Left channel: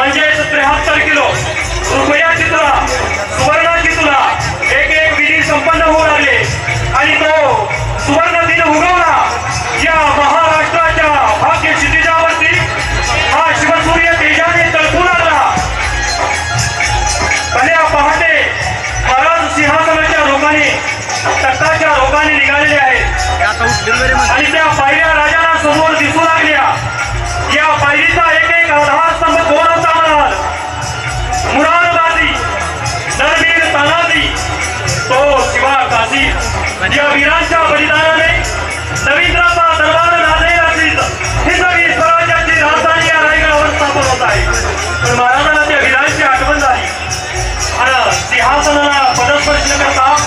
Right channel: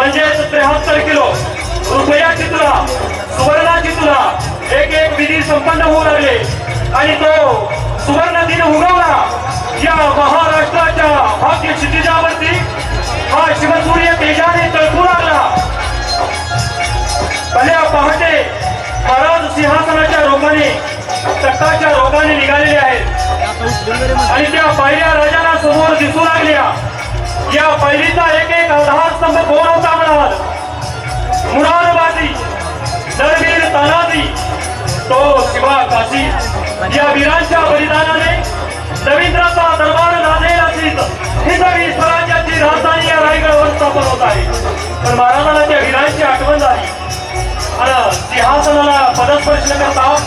म्हणजेच त्र्याहत्तर किलो. रुपयाची तुला सुवर्णाची तुला एक एक विधी संपन्न होऊ लागले. आणि तो सुवर्ण दिन उगवला. या महाराष्ट्राच्या भाग्य क्षितिजावरती हा शिवसूर्य तेजाने तळपून आला. भल्या पहाटे महाराज सिंहासनाच्या रोगाने तख्ताच्या रोगाने निघालेले आहेत. आणि त्या पायऱ्या राजाला समोर दिसू लागल्या. या पायरीचा एक एक आधार शिवा म्हणजे या वीरांच्या बलिदानाने रवींद्राचा दरबार लादलेला असेल ही सगळी स्वराज्याची राजधानी या रायगडावर स्थापन होत आहे. पण महाराजांना त्या वीरांची आठवण झाली. आणि सिंहासनाला पदस्पर्श करता